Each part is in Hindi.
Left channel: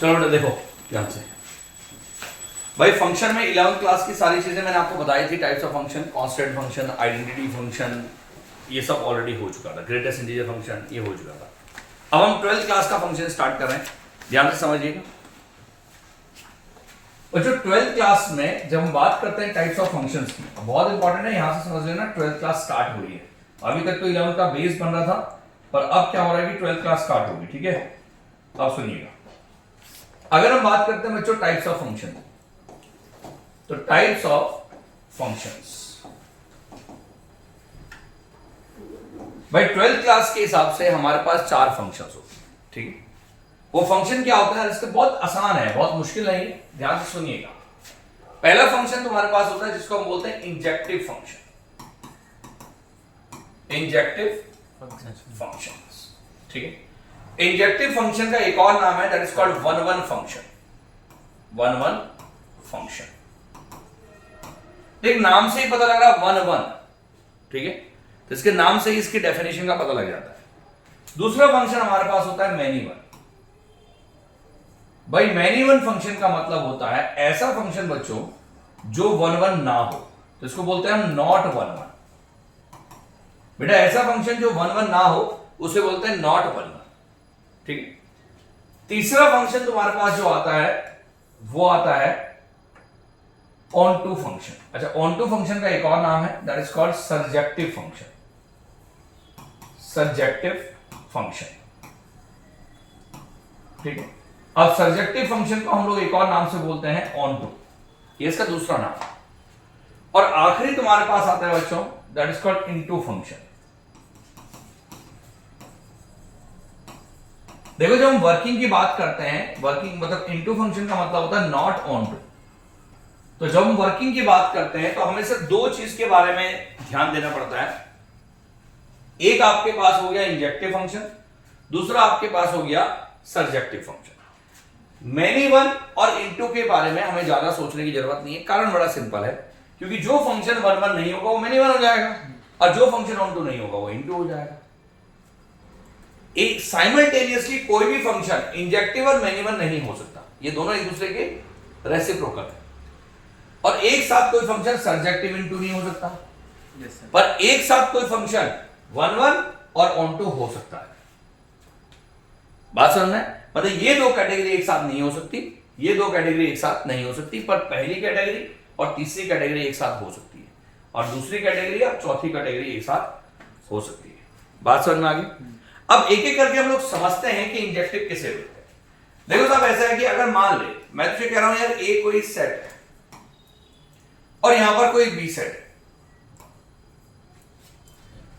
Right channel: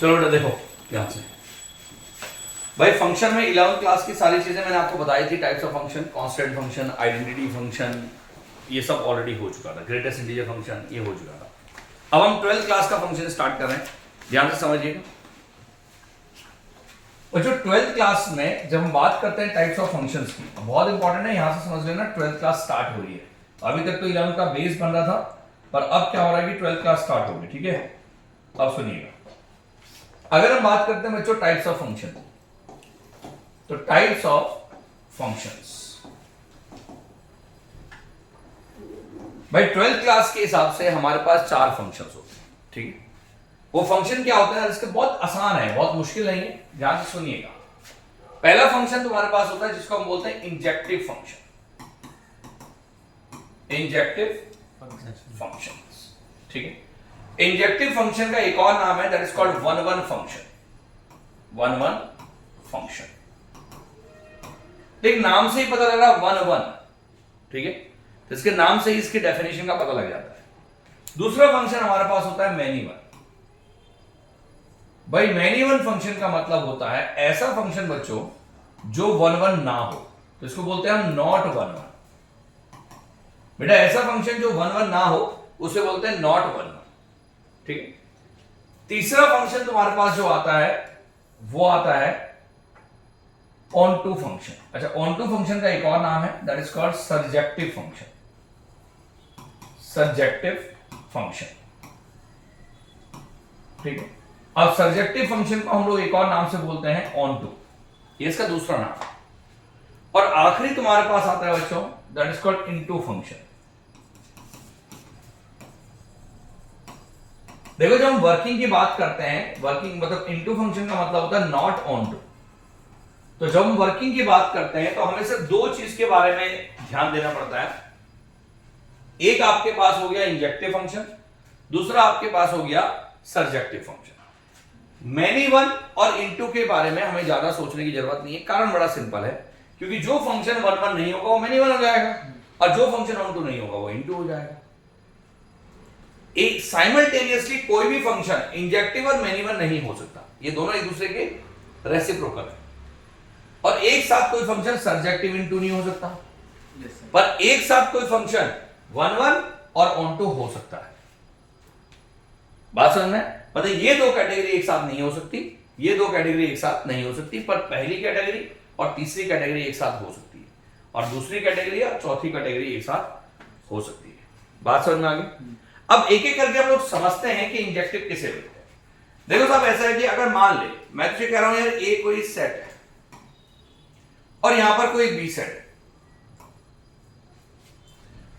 चलो बेटा देखो ध्यान से भाई, फंक्शन में 11th क्लास की सारी चीजें मैंने आपको बताई थी, types of function, constant function, identity function, ये सब ऑलरेडी हो चुका था, ग्रेटेस्ट इंटीजर फंक्शन ये हो चुका था। अब हम 12th क्लास का फंक्शन स्टार्ट कर रहे हैं, ध्यान से समझिएगा। और जो 12th क्लास में जब हम बात करते हैं टाइप्स ऑफ फंक्शंस की, बहुत इंपॉर्टेंट है, यहां से समझ लेना 12th क्लास स्टार्ट हो रही है। अभी तक तो 11th का बेस बन रहा था, पर अब क्या हो रहा है कि 12th क्लास स्टार्ट होगी, ठीक है। अब सुनिएगा, अगर हम बात करते हैं बच्चों टाइप्स ऑफ फंक्शन, तो टाइप्स ऑफ फंक्शंस भाई 12th क्लास के हिसाब से हमारे पास 4 फंक्शंस होते हैं, ठीक है। वो फंक्शन क्या होता है, इसके बहुत आसान है, बहुत मुश्किल नहीं है, ध्यान से सुनिएगा। पहला फंक्शन तुम्हारे पास होता है जिसको हम बोलते हैं इंजेक्टिव फंक्शन, इंजेक्टिव फंक्शंस, ठीक है। इंजेक्टिव फंक्शन का एक और नाम है, that is called one one function, one one function. एक नाम से ही पता लग रहा है वन वन, ठीक है, तो इसके नाम से ही इसकी डेफिनेशन का पता लग जाता है। दूसरा फंक्शन हमारे पास होता है मैनी वन। भाई मैनी वन फंक्शन का मतलब होता है ऐसा फंक्शन बच्चों जो वन वन ना हो, तो इसको बोलते हैं हम नॉट वन वन। बेटा ऐसा फंक्शन जो वन वन ना हो उसे बोलते हैं नॉट वन वन, ठीक है। तीसरा फंक्शन तुम्हारे पास जो आता है वो आता है ऑन टू फंक्शन। अच्छा, ऑन टू फंक्शन का एक और नाम है, that is called surjective function, surjective function, ठीक है। अब सर्जेक्टिव फंक्शन को हम लोग एक और नाम से बोलते हैं ऑन टू, ये इसका दूसरा नाम है। और आखिरी तुम्हारे पास आता है बच्चों, that is called into function. देखो जब हम वर्किंग की बात करते हैं, वर्किंग मतलब इनटू फंक्शन का मतलब होता है नॉट ऑन टू। तो जब हम वर्किंग की बात करते हैं तो हमें सिर्फ 2 चीज के बारे में ध्यान देना पड़ता है। एक आपके पास हो गया इंजेक्टिव फंक्शन, दूसरा आपके पास हो गया सर्जेक्टिव फंक्शन। मैनी वन और इनटू के बारे में हमें ज्यादा सोचने की जरूरत नहीं है, कारण बड़ा सिंपल है, क्योंकि जो फंक्शन वन वन नहीं होगा वो मैनी वन हो जाएगा, और जो फंक्शन ऑन टू नहीं होगा वो इनटू हो जाएगा। एक साइमल्टेनियसली कोई भी फंक्शन इंजेक्टिव और मैनी वन नहीं हो सकता, ये दोनों एक दूसरे के रेसिप्रोकल है। और एक साथ कोई फंक्शन सर्जेक्टिव इनटू नहीं हो सकता, पर एक साथ कोई फंक्शन वन वन और ऑन टू हो सकता है। बात समझना है, मतलब ये 2 कैटेगरी एक साथ नहीं हो सकती, ये 2 कैटेगरी एक साथ नहीं हो सकती, पर पहली कैटेगरी और तीसरी कैटेगरी एक साथ हो सकती है, और दूसरी कैटेगरी और चौथी कैटेगरी एक साथ हो सकती है। बात समझ में आ गई। अब एक एक करके हम लोग समझते हैं कि इंजेक्टिव किसे बोलते हैं। देखो साहब ऐसा है कि अगर मान ले मैं तुझे कह रहा हूं यार ए कोई सेट है और यहां पर कोई बी सेट है,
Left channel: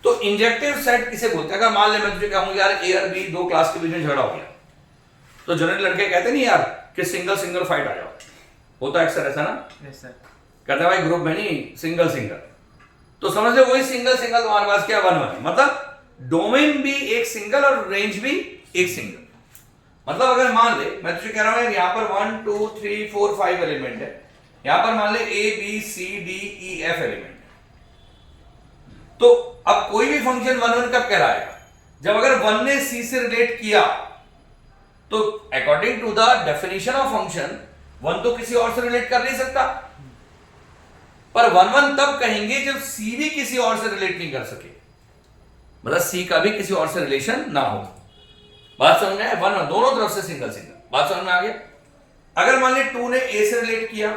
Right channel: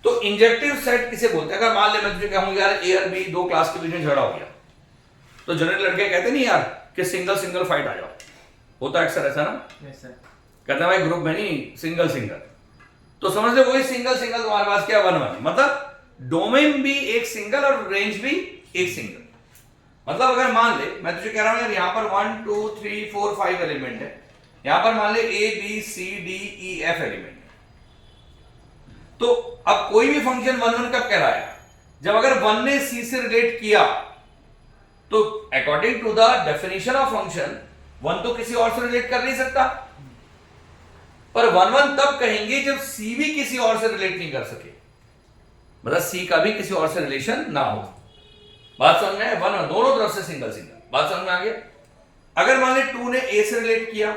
तो इंजेक्टिव सेट किसे बोलते हैं। अगर मान ले मैं तुझे कहूं यार ए और बी 2 क्लास के बीच में झगड़ा हो गया, तो जनरल लड़के कहते नहीं यार कि सिंगल सिंगल फाइट आ जाओ, होता है अक्सर ऐसा ना। Yes sir. कहते हैं भाई ग्रुप में नहीं, सिंगल सिंगल। तो समझ ले वही सिंगल सिंगल तुम्हारे पास क्या वन वन, मतलब डोमेन भी एक सिंगल और रेंज भी एक सिंगल। मतलब अगर मान ले मैं तुझे कह रहा हूं यार यहां पर 1 2 3 4 5 एलिमेंट है, यहां पर मान ले A B C D E F element है, तो अब कोई भी फंक्शन वन वन कब कहलाएगा, जब अगर वन ने सी से रिलेट किया, तो according to the definition of function one तो किसी और से रिलेट कर नहीं सकता, पर वन वन तब कहेंगे जब सी भी किसी और से रिलेट नहीं कर सके, मतलब सी का भी किसी और से रिलेशन ना हो। बात समझ में है, वन दोनों तरफ से सिंगल सिंगल। बात समझ में आ गया। अगर मान ले 2 ने ए से रिलेट किया,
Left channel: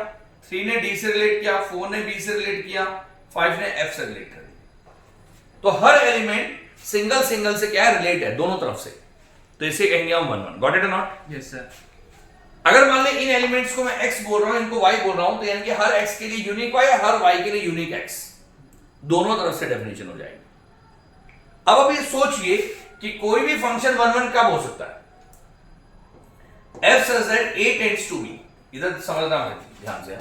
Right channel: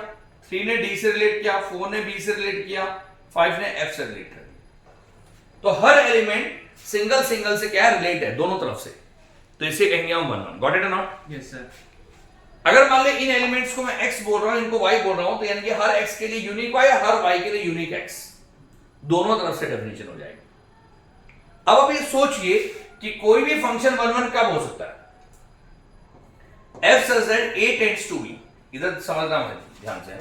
3 ने डी से रिलेट किया, 4 ने बी से रिलेट किया, 5 ने एफ से रिलेट कर दिया, तो हर एलिमेंट सिंगल सिंगल से क्या है, रिलेट है दोनों तरफ से, तो इसे कहेंगे हम वन वन। गॉट इट और नॉट? Yes sir. अगर मान ले इन एलिमेंट्स को मैं x बोल रहा हूं, इनको y बोल रहा हूं, तो यानी कि हर x के लिए यूनिक y और हर y के लिए यूनिक x, दोनों तरफ से डेफिनेशन हो जाएगी। अब ये सोचिए कि कोई भी फंक्शन वन वन कब हो सकता है, f such that a tends to be, इधर समझना है ध्यान से,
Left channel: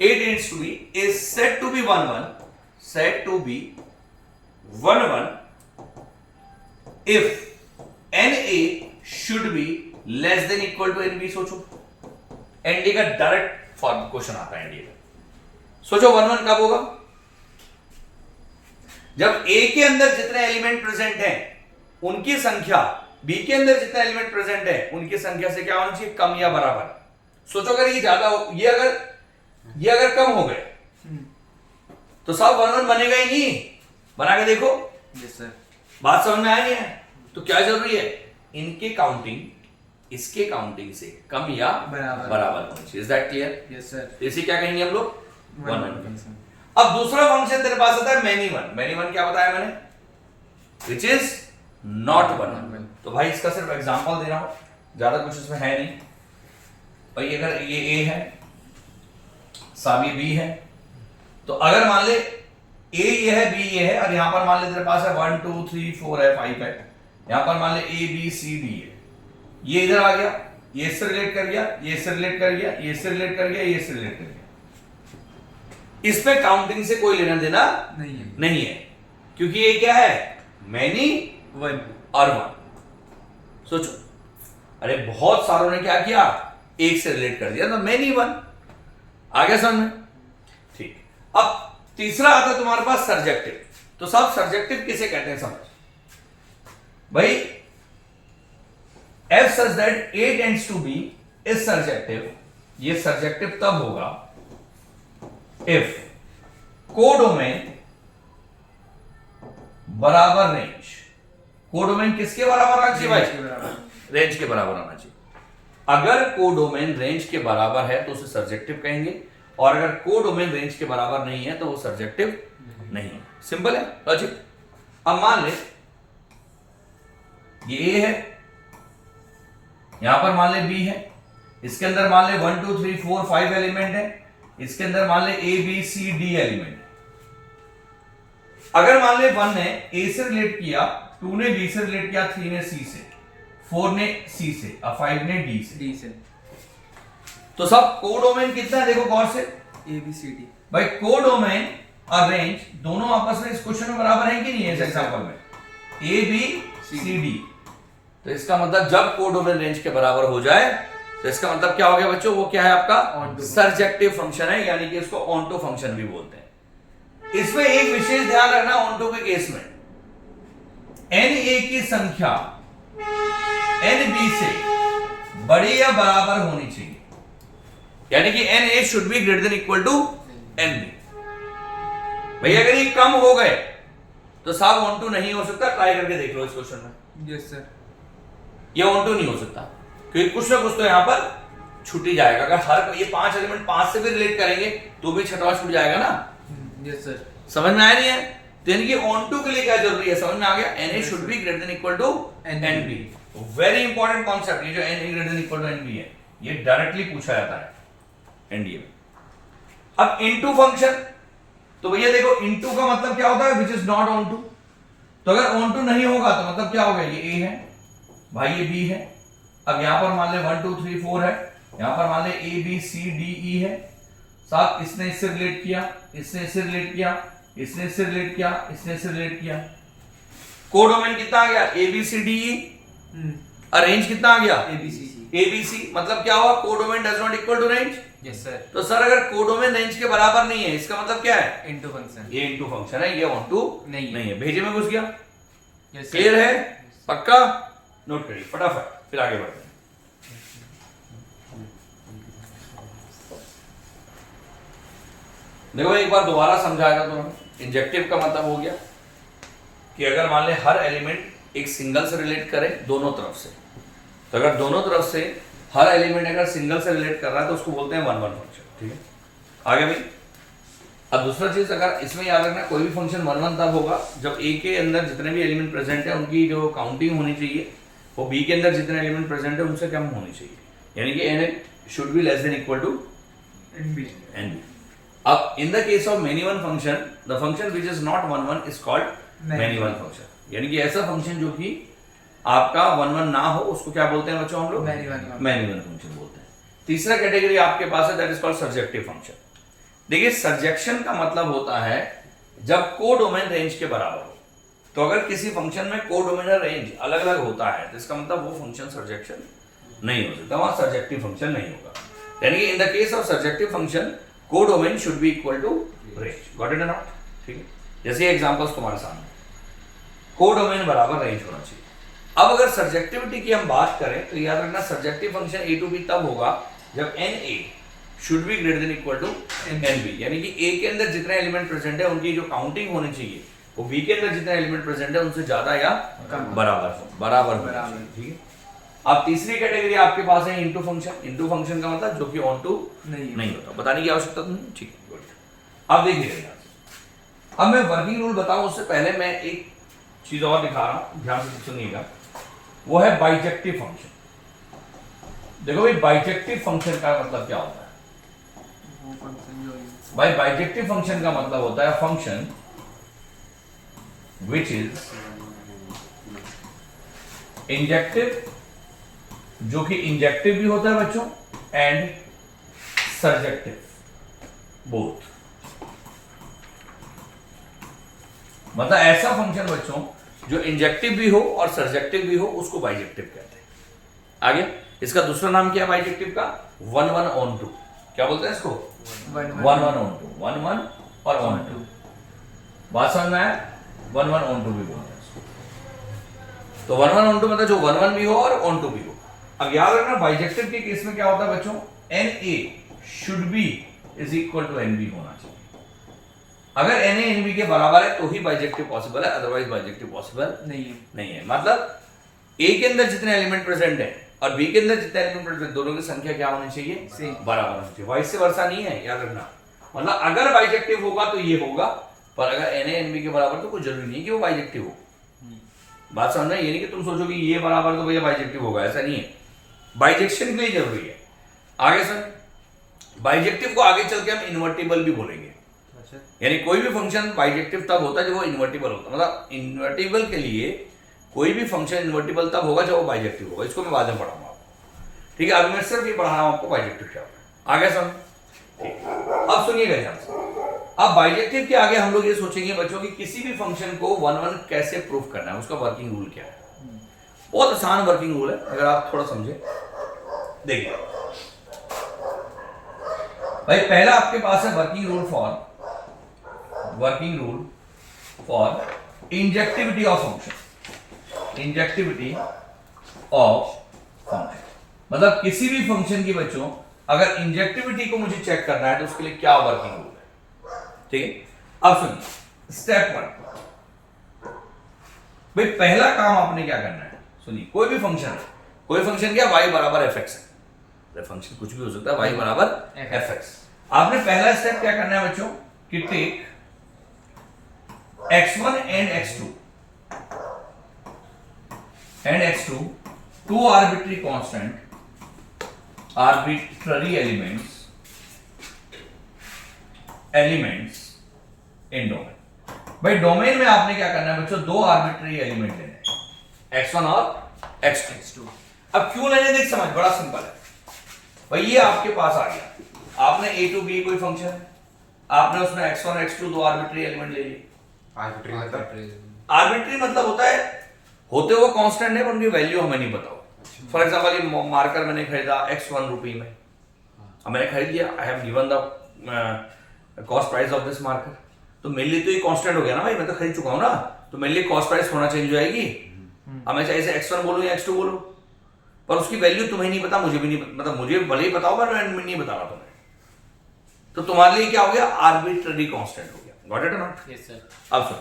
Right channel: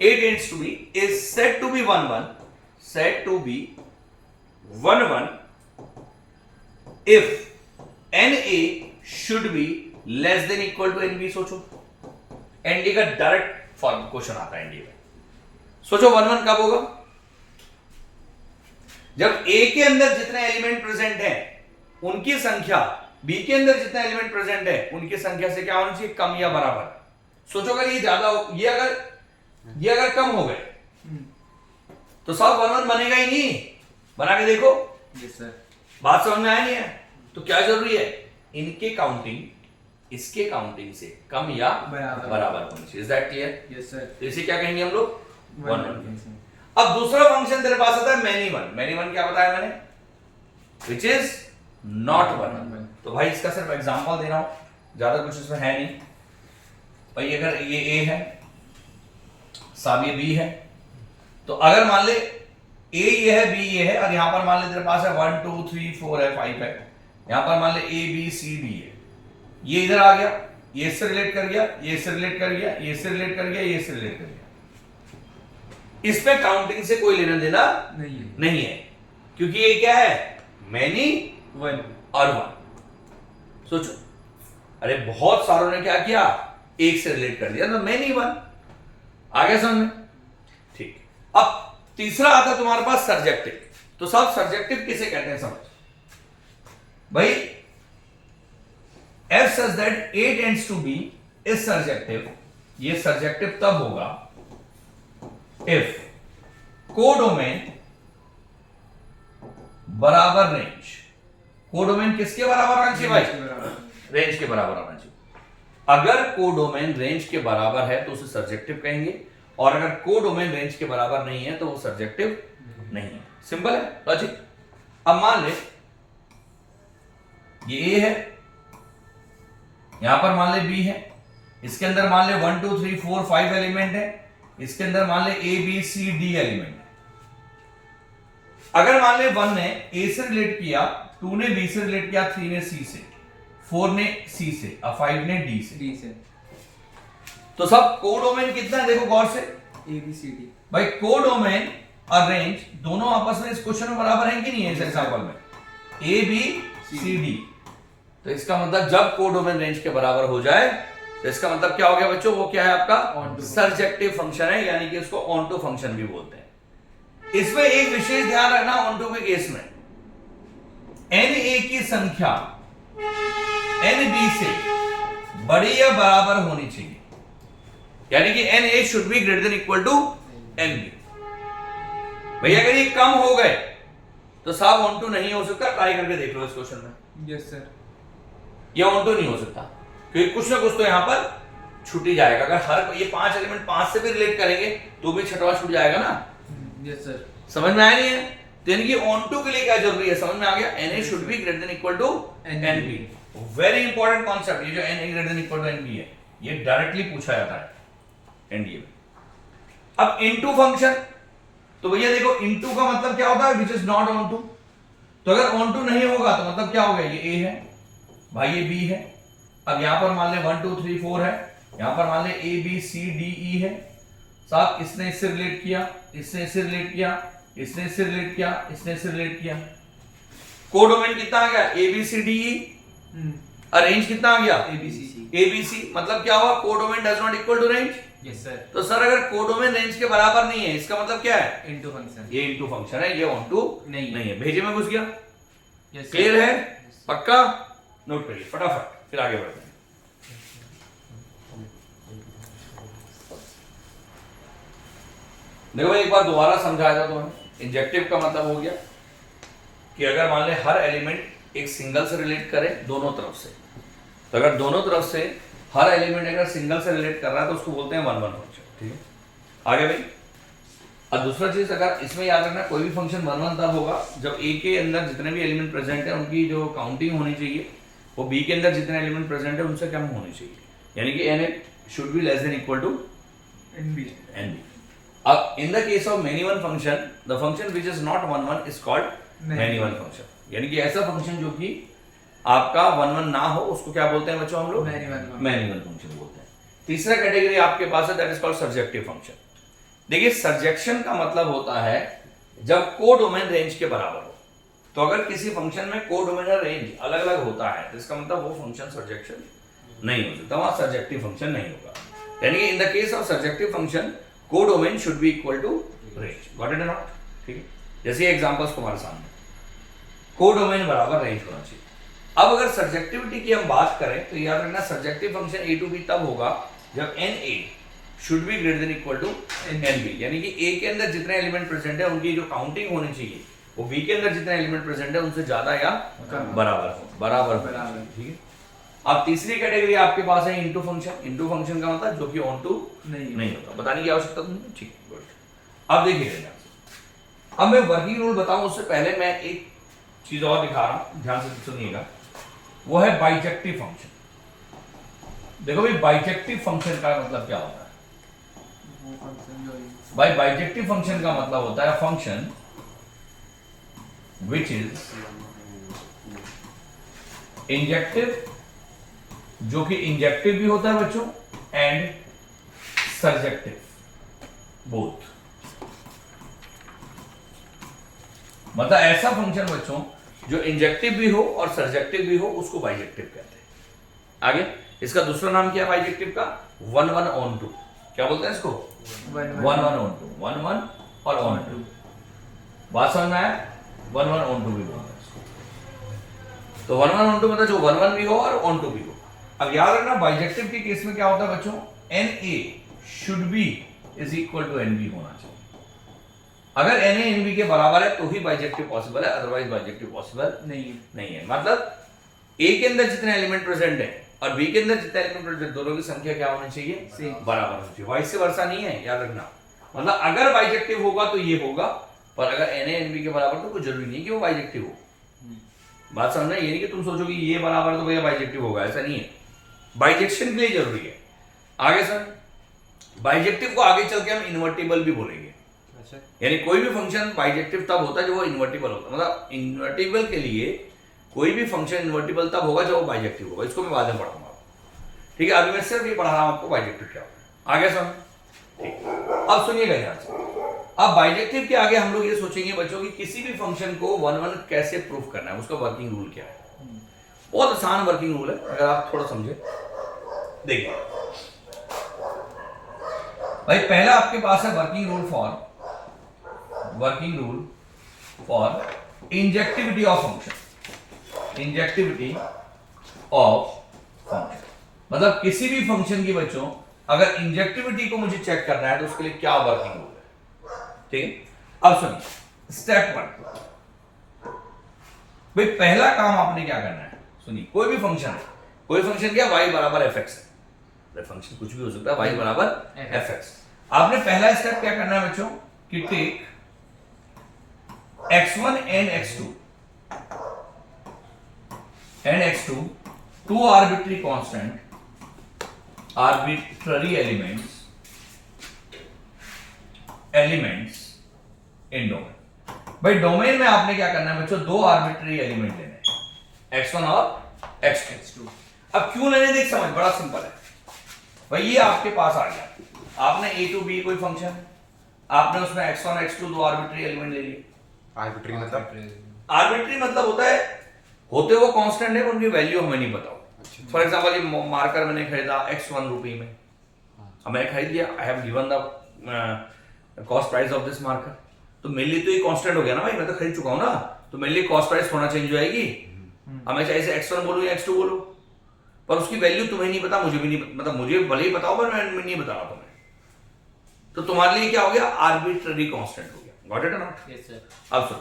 a tends to be is said to be one one, said to be one one if na should be less than equal to NB. सोचो एनडी का डायरेक्ट फॉर्म क्वेश्चन आता है एनडी में, सोचो वन वन कब होगा, जब ए के अंदर जितने एलिमेंट प्रेजेंट हैं उनकी संख्या बी के अंदर जितने एलिमेंट प्रेजेंट है उनकी संख्या से क्या होना चाहिए, कम या बराबर। सोचो अगर ये ज्यादा हो, ये अगर कम हो गए तो सब 1 1 बनेगा ही नहीं। बना के देखो। Yes sir. बात समझ में आया नहीं है? तो क्या जरूरी है, इनके काउंटिंग इसके काउंटिंग से कम या बराबर होना चाहिए। Is that clear? Yes sir. इसे क्या कहेंगे हम लोग, 1 1। अब दूसरा फंक्शन तेरे पास आता है मैनी वन। मैनी वन क्या बताया मैंने, विच इज नॉट 1 1। तो भाई इसका सिर्फ एग्जांपल दे रहा हूं, ज्यादा कुछ इसमें है नहीं भाई। अगर ये ए है, साहब ये बी है, तो अगर मान ले ए ये है, बी ये है, और यहां पर मान ले तेरे पास है 1 2 3 4 है, 5 है, यहां पर मान ले ए बी सी डी है, ये इधर आ गया, ये इससे रिलेट कर गया, ये इससे रिलेट कर गया, ये इससे रिलेट कर गया, ये इससे रिलेट कर गया। इस पे काउंटिंग से कोई लेना देना नहीं है, क्योंकि ये क्या है, मैनी वन और 1। सोचो, अरे बहुत सारों ने क्या किया, एक से रिलेट कर दिया, तो मैनी 1 आ गया समझ में। ठीक, अब तीसरा आता है तुम्हारे पास सर्जेक्टिव। तो सब सर्जेक्टिव किसे कहते हैं समझ भाई। F such that A tends to B is surjective। ये सर्जेक्टिव तब होगा if कोडोमेन बराबर रेंज। कोडोमेन किसके बराबर आना चाहिए भाई, रेंज के बराबर आना चाहिए। अगर कोडोमेन रेंज के बराबर है तो उसे सर्जेक्टिव कहेंगे, और अगर कोडोमेन रेंज के बराबर नहीं है तो वो सर्जेक्टिव नहीं है। सिंपल है लॉजिक। अब मान ले ये ए है, यहां पर मान ले बी है, इसके अंदर मान ले 1 2 3 4 5 एलिमेंट है, इसके अंदर मान ले A B C D element है। अगर मान ले 1 ने ए से रिलेट किया, 2 ने बी से रिलेट किया, 3 ने सी से, 4 ने सी से, और 5 ने डी से। तो सब कोडोमेन कितना है देखो गौर से, ए बी सी डी। भाई कोडोमेन और रेंज दोनों आपस में इस क्वेश्चन में बराबर है कि नहीं है, इस एग्जांपल में ए बी सी डी। तो इसका मतलब जब कोडोमेन रेंज के बराबर हो जाए तो इसका मतलब क्या हो गया बच्चों, वो क्या है आपका सर्जेक्टिव फंक्शन है, यानी कि उसको ऑनटू फंक्शन भी बोलते हैं। इसमें एक विशेष ध्यान रखना, ऑनटू के केस में एन ए की संख्या एन बी से बड़ी या बराबर होनी चाहिए, यानी कि N A should be greater than equal to N B. भैया अगर ये कम हो गए तो साहब ऑनटू नहीं हो सकता, ट्राई करके देख लो इस क्वेश्चन में। Yes sir. ये ऑनटू नहीं हो सकता, क्योंकि कुछ ना कुछ तो यहां पर छूट ही जाएगा। अगर हर ये 5 एलिमेंट 5 से भी रिलेट करेंगे तो भी छठवां छूट जाएगा ना। Yes sir. समझ में आया नहीं है? तो यानी कि ऑनटू के लिए क्या जरूरी है, समझ में आ गया, N A should be greater than equal to N B. Very important concept, ये जो N A greater than equal to N B है, ये डायरेक्टली पूछा जाता है एनडीए में। अब इनटू फंक्शन, तो भैया देखो इनटू का मतलब क्या होता है, which is not onto. तो अगर ऑन टू नहीं होगा तो मतलब क्या हो गया, ये ए है भाई, ये बी है। अब यहां पर मान ले 1 2 3 4 है, यहां पर मान ले ए बी सी डी ई है। साहब इसने इससे रिलेट किया, इसने इससे रिलेट किया, इसने इससे रिलेट किया, इसने इससे रिलेट किया। कोडोमेन कितना आ गया, ए बी सी डी ई, और रेंज कितना आ गया, ए बी सी। मतलब क्या हुआ, codomain does not equal to range. Yes sir. तो सर अगर कोडोमेन रेंज के बराबर नहीं है, इसका मतलब क्या है, इनटू फंक्शन। ये इनटू फंक्शन है, ये ऑनटू नहीं है। भेजे में घुस गया। यस क्लियर है, पक्का नोट करिए फटाफट, फिर आगे बढ़ते हैं। देखो एक बार दोबारा समझाया था तुम्हें। इंजेक्टिव का मतलब हो गया कि अगर मान ले हर एलिमेंट एक सिंगल से रिलेट करे दोनों तरफ से, तो अगर दोनों तरफ से हर एलिमेंट अगर सिंगल से रिलेट कर रहा है तो उसको बोलते हैं 1 1 फंक्शन। ठीक है, आगे भाई। अब दूसरा चीज, अगर इसमें याद रखना कोई भी फंक्शन 1 1 तब होगा जब ए के अंदर जितने भी एलिमेंट प्रेजेंट है उनकी जो काउंटिंग होनी चाहिए वो बी के अंदर जितने एलिमेंट प्रेजेंट है उनसे कम होनी चाहिए, यानी कि N A should be less than equal to N B. अब in the case of many one function, the function which is not 1 1 is called many one function, यानी कि ऐसा फंक्शन जो कि आपका 1 1 ना हो उसको क्या बोलते हैं बच्चों हम लोग, मैनी वन फंक्शन बोलते हैं। तीसरा कैटेगरी आपके पास है, that is called surjective function. देखिए सर्जेक्शन का मतलब होता है जब कोडोमेन रेंज के बराबर हो। तो अगर किसी फंक्शन में कोडोमेन और रेंज अलग अलग होता है तो इसका मतलब वो फंक्शन सर्जेक्शन नहीं हो सकता, वहां सर्जेक्टिव फंक्शन नहीं होगा। यानी कि in the case of surjective function codomain should be equal to range. Got it और नॉट? ठीक है, जैसे एग्जांपल्स तुम्हारे सामने, कोडोमेन बराबर रेंज होना चाहिए। अब अगर सब्जेक्टिविटी की हम बात करें तो याद रखना subjective function a to b तब होगा जब na should be greater than equal to nb, यानी कि a के अंदर जितने एलिमेंट प्रेजेंट है उनकी जो काउंटिंग होनी चाहिए वो b के अंदर जितने एलिमेंट प्रेजेंट है उनसे ज्यादा या बराबर हो, बराबर। ठीक है। अब तीसरी कैटेगरी आपके पास है इनटू फंक्शन। इनटू फंक्शन का मतलब जो कि ऑन टू नहीं होता, बताने की आवश्यकता नहीं। ठीक है, गुड। अब देखिए, अब मैं वर्किंग रूल बताऊं उससे पहले मैं एक चीज और दिखा रहा हूं, ध्यान से सुनिएगा। वो है बाइजेक्टिव फंक्शन। देखो भाई, बाइजेक्टिव फंक्शन का मतलब क्या होता है? भाई बाइजेक्टिव फंक्शन का मतलब होता है फंक्शन विच इज इंजेक्टिव, जो कि इंजेक्टिव भी होता है बच्चों, एंड सर्जेक्टिव, बोथ। मतलब ऐसा फंक्शन बच्चों जो इंजेक्टिव भी हो और सर्जेक्टिव भी हो उसको बाइजेक्टिव कहते हैं। आगे इसका दूसरा नाम क्या है बाइजेक्टिव का? 1 1 ऑन 2। क्या बोलते हैं इसको? 1 1 ऑन 2, 1 1 और ऑन 2। बात समझ में आया? 1 1 ऑन 2 भी बोलते हैं इसको। तो 1 1 ऑन 2 मतलब जो 1 1 भी हो और ऑन 2 भी हो। अब याद रखना बाइजेक्टिव के केस में क्या होता है बच्चों? NA should be is equal to NB होना चाहिए। अगर NA NB के बराबर है तो ही बाइजेक्टिव पॉसिबल है, अदरवाइज बाइजेक्टिव पॉसिबल नहीं है। मतलब A के अंदर जितने एलिमेंट प्रेजेंट है और B के अंदर जितने एलिमेंट प्रेजेंट, दोनों की संख्या क्या होनी चाहिए? बराबर होनी चाहिए। वाइस वर्सा नहीं है, याद रखना। मतलब अगर बाइजेक्टिव होगा तो ये होगा, पर अगर NA NB के बराबर तो कोई जरूरी नहीं कि वो बाइजेक्टिव हो। बात समझ में? ये नहीं कि तुम सोचो कि ये बराबर तो भैया बाइजेक्टिव होगा, ऐसा नहीं है। बाइजेक्शन के लिए जरूरी है। आगे सर, बाइजेक्टिव को आगे चल के हम इन्वर्टिबल भी बोलेंगे। यानी कोई भी फंक्शन बाइजेक्टिव तब होता है जब वो इन्वर्टिबल होता है। मतलब इन्वर्टिबल के लिए कोई भी फंक्शन इन्वर्टिबल तब होगा जब वो बाइजेक्टिव होगा। इसको मैं बाद में पढ़ाऊंगा आपको। ठीक है, अभी मैं सिर्फ ये पढ़ा रहा हूं आपको बाइजेक्टिव क्या होता है। आगे सर, ठीक। अब सुनिएगा ध्यान से। अब बाइजेक्टिव के आगे हम लोग ये सोचेंगे बच्चों कि किसी भी फंक्शन को 1 1 कैसे प्रूव करना है, उसका वर्किंग रूल क्या है। बहुत आसान वर्किंग रूल है, अगर आप थोड़ा समझे। देखिए भाई, पहला आपके पास है working rule for injectivity of function. Injectivity of function मतलब किसी भी फंक्शन की बच्चों अगर इंजेक्टिविटी को मुझे चेक करना है तो उसके लिए क्या वर्किंग रूल है। ठीक है, अब सुनिए स्टेप 1। भाई पहला काम आपने क्या करना है, सुनिए। कोई भी फंक्शन क्या y बराबर fx है। फंक्शन कुछ भी हो सकता है, y बराबर fx। आपने पहला स्टेप क्या करना है बच्चों कि take x1 and x2 two arbitrary elements in domain. भाई डोमेन में आपने क्या करना है बच्चों? 2 आर्बिट्री एलिमेंट लेने हैं, x1 और x2। अब क्यों लेने देख समझ, बड़ा सिंपल है भाई। ये आपके पास आ गया, आपने a टू b कोई फंक्शन, आपने उसमें x1 x2 2 आर्बिट्री एलिमेंट ले लिए। आर्बिट्री मतलब होता है होते वो कांस्टेंट है, उनकी वैल्यू हमें नहीं पता हो। फॉर एग्जांपल ये मार्कर मैंने खरीदा x1 रुपये में, अब मैंने खरीद लिया, I have given the cost price of this marker, तो मेरे लिए तो ये कांस्टेंट हो गया ना भाई, मैं तो खरीद चुका हूं ना, तो मेरे लिए कॉस्ट प्राइस थोड़ा चेंज हो जाएगी। अब मैं चाहे से x1 बोलूं या x2 बोलूं, पर उसकी वैल्यू तुम्हें नहीं पता, मुझे भी नहीं, मतलब मुझे भले ही बताओ पर मैं नहीं बता रहा तुम्हें, तो तुम्हारे लिए क्या हो गया? आर्बिट्ररी कांस्टेंट हो गया। गॉट इट और नॉट? Yes sir. अब सुन,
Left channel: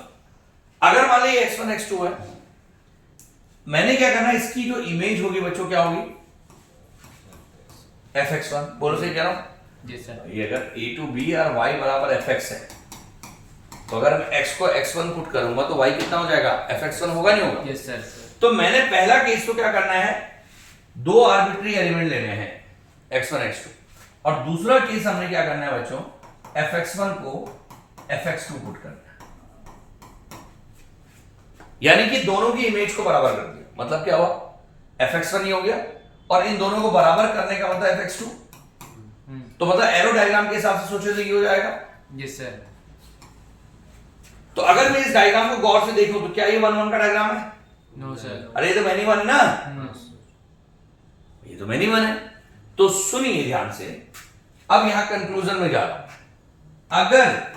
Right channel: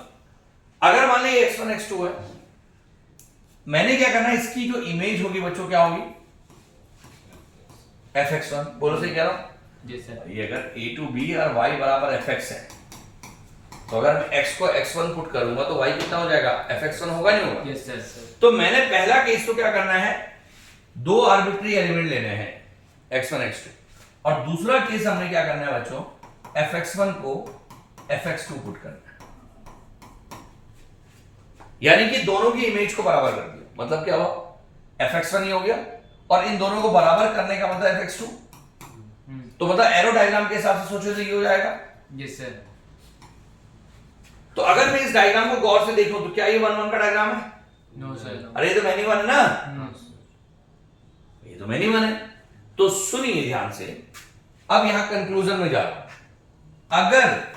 अगर मान लीजिए x1 x2 है, मैंने क्या करना है, इसकी जो इमेज होगी बच्चों क्या होगी? fx1। बोलो सही कह रहा हूं? Yes sir. ये अगर a टू b और y बराबर fx है, तो अगर मैं x को x1 पुट करूंगा तो y कितना हो जाएगा? fx1 होगा नहीं होगा? Yes sir. तो मैंने पहला केस तो क्या करना है, 2 आर्बिट्री एलिमेंट लेने हैं x1 x2, और दूसरा केस हमने क्या करना है बच्चों? fx1 को fx2 पुट करना है, यानी कि दोनों की इमेज को बराबर कर दिया। मतलब क्या हुआ? fx1 ही हो गया, और इन दोनों को बराबर करने का मतलब fx2। तो मतलब एरो डायग्राम के हिसाब से सोचो तो ये हो जाएगा। Yes sir. तो अगर मैं इस डायग्राम को गौर से देखूं तो क्या ये 1 1 का डायग्राम है? No sir. अरे ये तो मैनी 1 है ना, ये तो मैनी 1 है। तो सुनिए ध्यान से, अब यहां कंक्लूजन में जा रहा हूं। अगर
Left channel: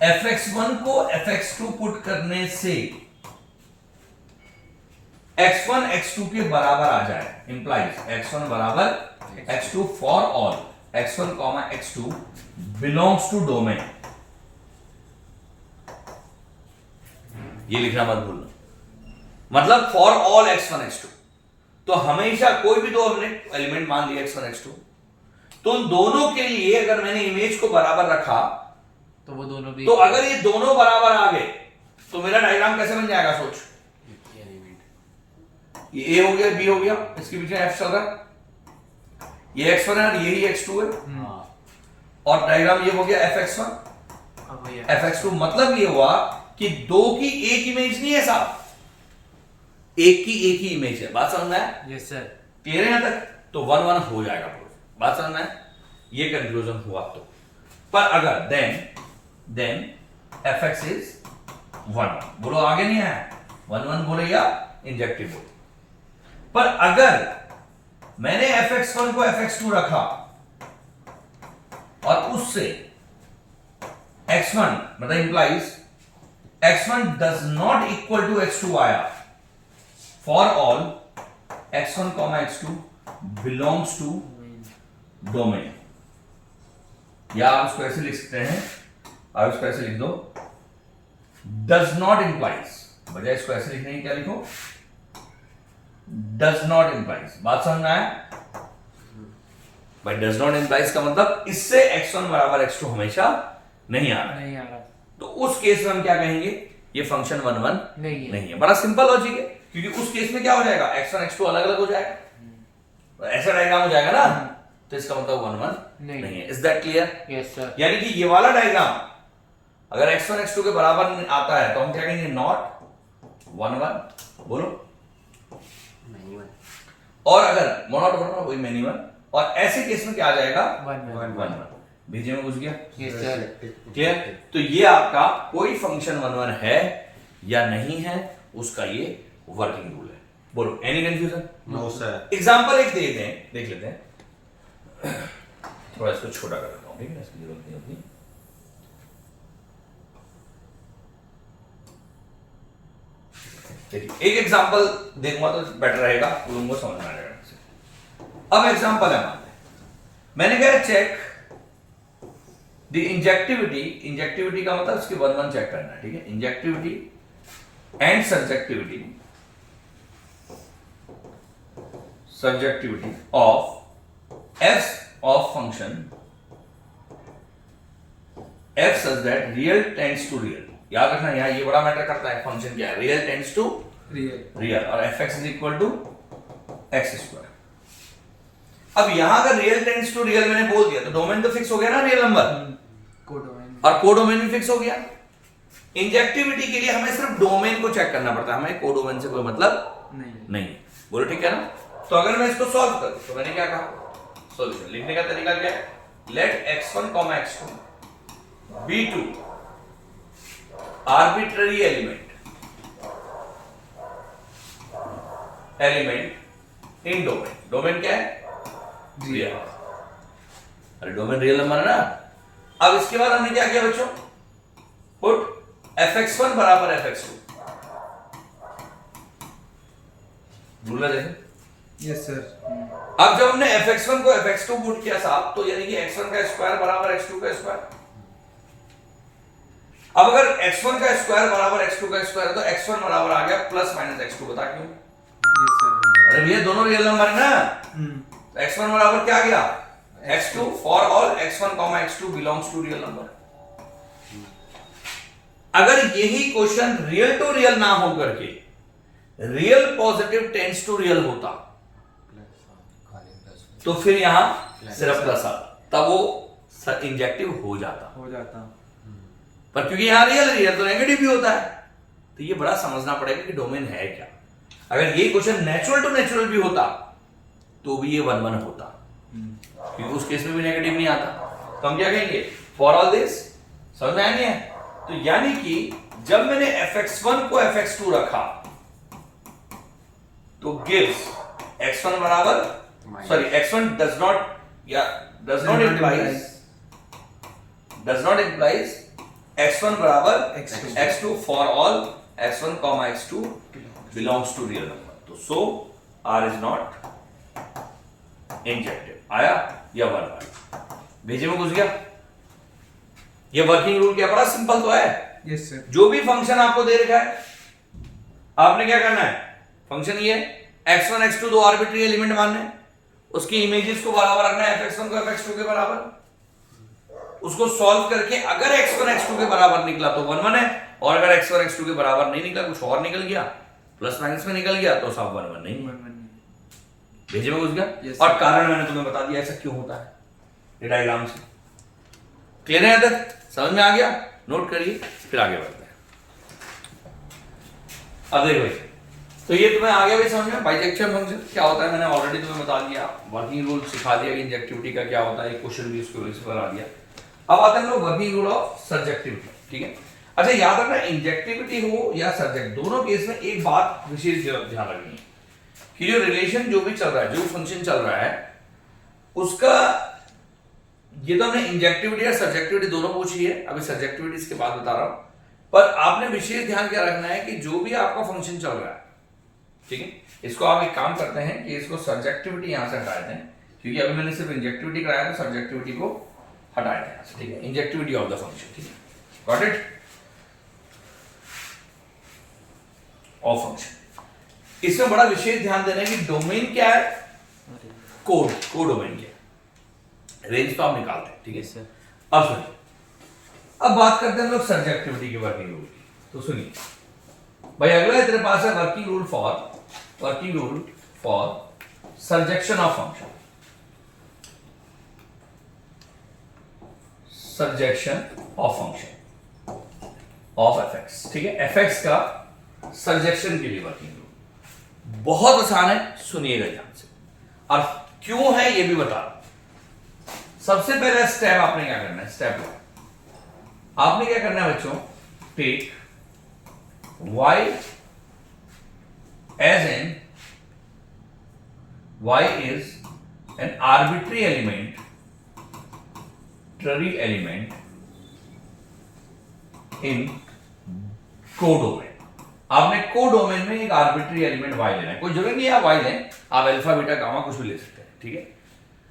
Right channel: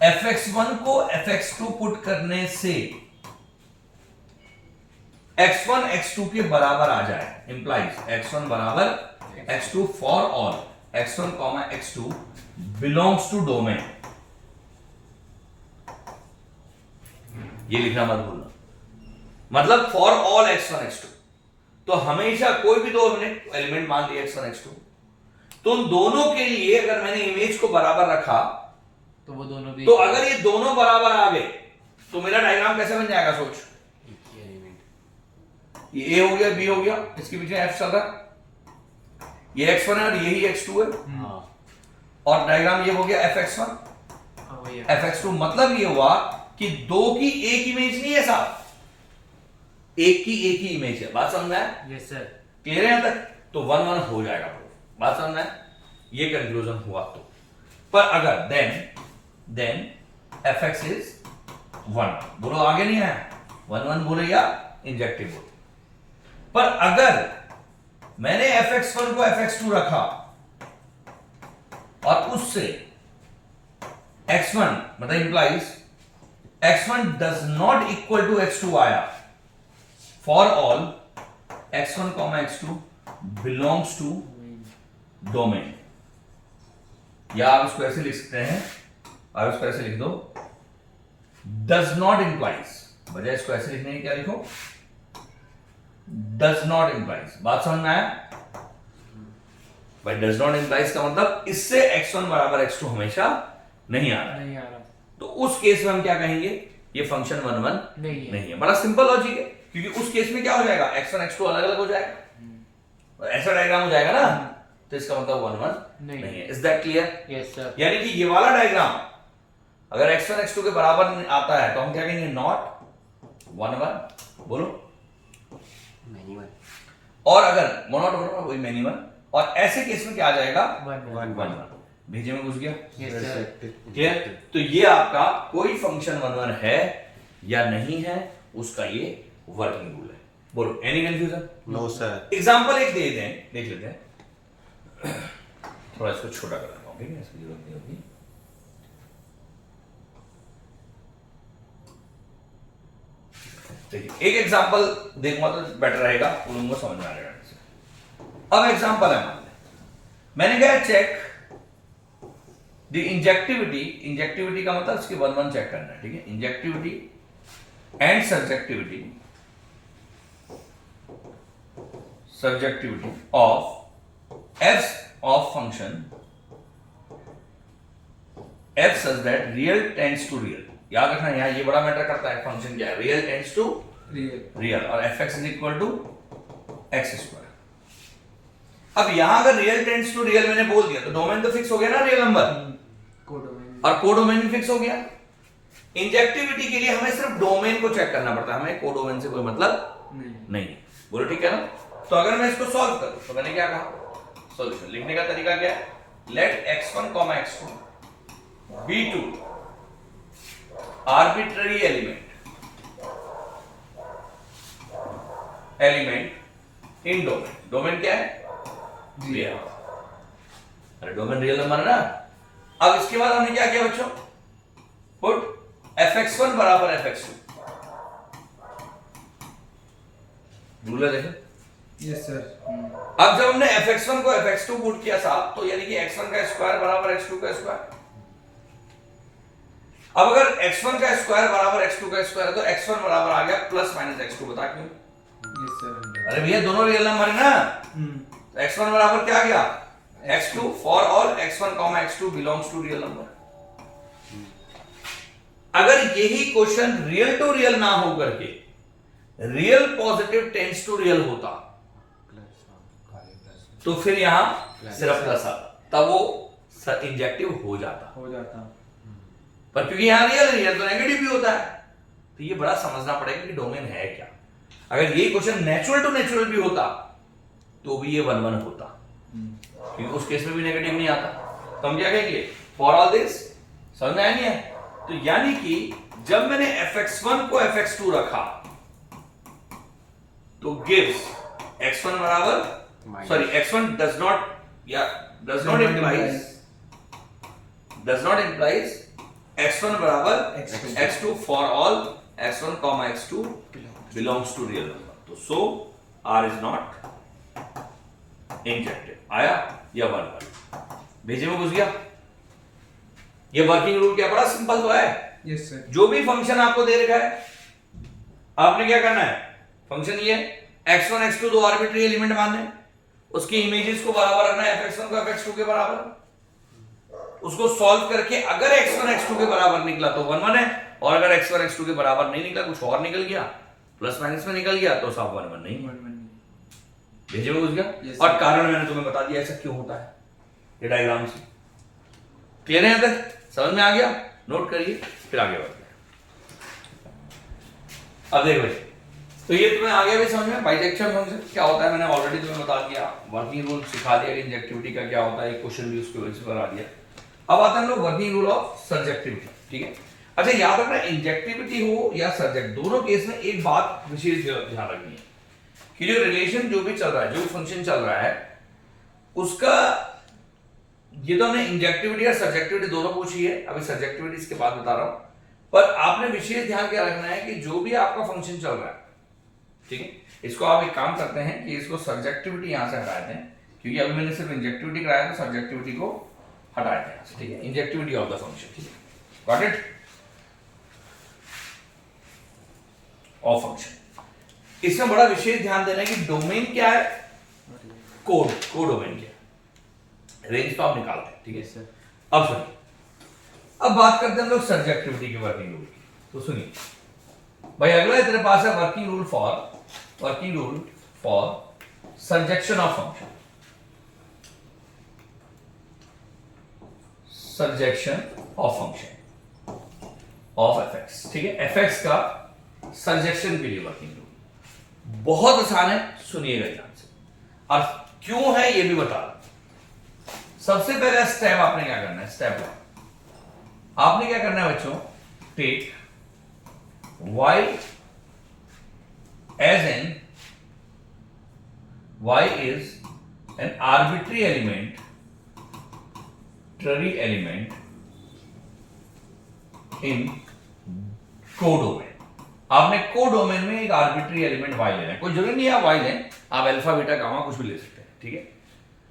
fx1 को fx2 पुट करने से x1 x2 के बराबर आ जाए, इंप्लाइज x1 बराबर x2 for all x1 x2 belongs to domain. ये लिखना मत भूलना, मतलब फॉर ऑल x1 x2। तो हमेशा कोई भी दो हमने एलिमेंट मान लिया x1 x2, तो उन दोनों के लिए अगर मैंने इमेज को बराबर रखा तो वो दोनों भी तो अगर ये दोनों बराबर आ गए तो मेरा डायग्राम कैसे बन जाएगा? सोच, ये ए हो गया, बी हो गया, इसके पीछे एफ चल रहा है, ये x1 है और यही x2 है, और डायग्राम ये हो गया fx1 fx2। मतलब ये हुआ कि दो की एक इमेज नहीं है साहब, एक की एक ही इमेज है। बात समझ में आया? Yes sir. क्लियर है यहां तक? तो 1 1 हो जाएगा प्रूफ। बात समझ में आया? ये कंक्लूजन हुआ। तो पर अगर देन fx इज 1 बोलो, आगे नहीं आया, 1 1 बोले या इंजेक्टिव बोले। पर अगर मैंने fx1 को fx2 रखा और उससे x1 मतलब implies x1 does not equal to x2 आया, for all x1 x2 belongs to domain. या आप उसको ऐसे लिख सकते हैं, आप इसको ऐसे लिख दो, डज नॉट इंप्लाइज, बजाय इसको ऐसे लिखने की क्या लिखो, डज नॉट इंप्लाइज। बात समझ में आया भाई? डज नॉट इंप्लाइज का मतलब इससे x1 बराबर x2 हमेशा नहीं आ रहा है। नहीं आ रहा। तो उस केस में हम क्या कहेंगे? ये फंक्शन 1 1 नहीं है। बड़ा सिंपल लॉजिक है, क्योंकि उस केस में क्या हो जाएगा, x1 x2 अलग अलग हो जाएगा, ऐसा डायग्राम हो जाएगा ना, तो इसका मतलब 1 1 नहीं है। Is that clear? Yes sir. यानी कि ये वाला डायग्राम अगर x1 x2 के बराबर आता है तो हम क्या कहेंगे? नॉट 1 1 बोलो, और अगर नॉट 1 1 वही मैनी 1, और ऐसे केस में क्या आ जाएगा? 1 1 1 बीजे में घुस गया। Yes sir. क्लियर? तो ये आपका कोई फंक्शन 1 1 है या नहीं है, उसका ये वर्किंग रूल है। बोलो, any confusion? No sir. Example एक दे दें, देख लेते हैं। थोड़ा इसको छोटा कर लेता हूं, ठीक है, इसकी जरूरत नहीं होगी। देखिए, एक एग्जांपल देखूंगा तो बेटर रहेगा, लोगों को समझ में आ जाएगा। अब एग्जांपल है, मैंने कहा चेक द इंजेक्टिविटी। इंजेक्टिविटी का मतलब इसके 1 1 चेक करना है, ठीक है? Injectivity and subjectivity of f of function f such that real tends to real. याद रखना, यहां ये बड़ा मैटर करता है, फंक्शन क्या है? रियल टेंड्स टू रियल, और fx is equal to x square. अब यहां अगर रियल टेंड्स टू रियल मैंने बोल दिया तो डोमेन तो फिक्स हो गया ना, रियल नंबर, कोडोमेन और कोडोमेन भी फिक्स हो गया। इंजेक्टिविटी के लिए हमें सिर्फ डोमेन को चेक करना पड़ता है, हमें कोडोमेन से कोई मतलब नहीं। बोलो ठीक है ना? तो अगर मैं इसको सॉल्व करूं तो मैंने क्या कहा? सॉल्यूशन लिखने का तरीका क्या है? Let x1 x2 be two arbitrary element in domain. Domain क्या है? रियल। अरे डोमेन रियल नंबर है ना। अब इसके बाद हमने क्या किया बच्चों? पुट fx1 बराबर fx2। रूल है देखो। Yes sir. अब जब हमने fx1 को fx2 पुट किया साहब, तो यानी कि x1 का स्क्वायर बराबर x2 का स्क्वायर। अब अगर x1 का स्क्वायर बराबर x2 का स्क्वायर है तो x1 बराबर आ गया प्लस माइनस x2। बता क्यों? Yes sir. अरे भैया दोनों रियल नंबर है ना, तो x1 बराबर क्या आ गया? x2 for all x1 x2 belongs to real number. अगर यही क्वेश्चन रियल टू रियल ना हो करके real positive tends to real होता तो फिर यहां सिर्फ प्लस आता, तब वो इंजेक्टिव हो जाता। पर क्योंकि यहां रियल तो नेगेटिव भी होता है, तो ये बड़ा समझना पड़ेगा कि डोमेन है क्या। अगर ये क्वेश्चन नेचुरल टू नेचुरल भी होता तो भी ये 1 1 होता, क्योंकि उस केस में भी नेगेटिव नहीं आता। तो हम क्या कहेंगे? For all this. समझ में आया नहीं है? तो यानी कि जब मैंने fx1 को fx2 रखा तो गिव्स x1 बराबर, sorry x1 does not implies x1 बराबर x2 for all x1 x2 belongs to real number. तो so R is not injected. आया या 1 भेजे में घुस गया। ये वर्किंग रूल क्या, बड़ा सिंपल तो है। Yes sir. जो भी फंक्शन आपको दे रखा है आपने क्या करना है, फंक्शन ये x1 x2 दो आर्बिट्री एलिमेंट मानने, उसकी इमेजेस को बराबर रखना है fx1 को fx2 के बराबर, उसको सॉल्व करके अगर x1 x2 के बराबर निकला तो 1 1 है, और अगर x1 x2 के बराबर नहीं निकला, कुछ और निकल गया, प्लस माइनस में निकल गया, तो सब 1 1 नहीं। 1 1 भेजे में घुस गया। Yes, और sir. कारण मैंने तुम्हें बता दिया ऐसा क्यों होता है, ये डायग्राम से क्लियर है, यहाँ तक समझ में आ गया, नोट करिए फिर आगे बढ़ते हैं। अब देखो भाई, तो ये तुम्हें आ गया भी समझ में, बाइसेक्शन फंक्शन क्या होता है मैंने ऑलरेडी तुम्हें बता दिया, वर्किंग रूल सिखा दिया कि इंजेक्टिविटी का क्या होता है, एक क्वेश्चन भी उसको इस पर आ गया। अब आते हैं हम लोग वर्किंग रूल ऑफ सर्जेक्टिविटी, ठीक है। अच्छा याद रखना, इंजेक्टिविटी हो या सर्जेक्ट, दोनों केस में एक बात विशेष ध्यान रखनी है कि जो रिलेशन जो भी चल रहा है, जो फंक्शन चल रहा है उसका, ये तो हमने इंजेक्टिविटी और सब्जेक्टिविटी दोनों पूछी है, अभी सब्जेक्टिविटी इसके बाद बता रहा हूं, पर आपने विशेष ध्यान क्या रखना है कि जो भी आपका फंक्शन चल रहा है, ठीक है, इसको आप एक काम करते हैं कि इसको सब्जेक्टिविटी यहां से हटा देते हैं, क्योंकि अभी मैंने सिर्फ इंजेक्टिविटी कराया था, सब्जेक्टिविटी को हटाया था, ठीक है, इंजेक्टिविटी ऑफ द फंक्शन, ठीक है, गॉट इट, ऑफ फंक्शन। इसमें बड़ा विशेष ध्यान देना है कि डोमेन क्या है, कोड डोमेन क्या है, रेंज तो आप निकालते हैं, ठीक है सर। अब सुनिए, अब बात करते हैं हम लोग सब्जेक्टिविटी की, वर्किंग रूल की। तो सुनिए भाई, अगला तेरे पास है working rule for surjection of function, surjection of function of fx, ठीक है, fx का सर्जेक्शन के लिए वर्किंग रूल बहुत आसान है, सुनिएगा ध्यान से, और क्यों है ये भी बता रहा। सबसे पहले स्टेप आपने क्या करना है, स्टेप 1 आपने क्या करना है बच्चों, take y as in y is an arbitrary element in codomain. आपने कोडोमेन में एक आर्बिट्री एलिमेंट y लेना है, कोई जरूरी नहीं है आप y लें, आप अल्फा बीटा गामा कुछ भी ले सकते हैं, ठीक है,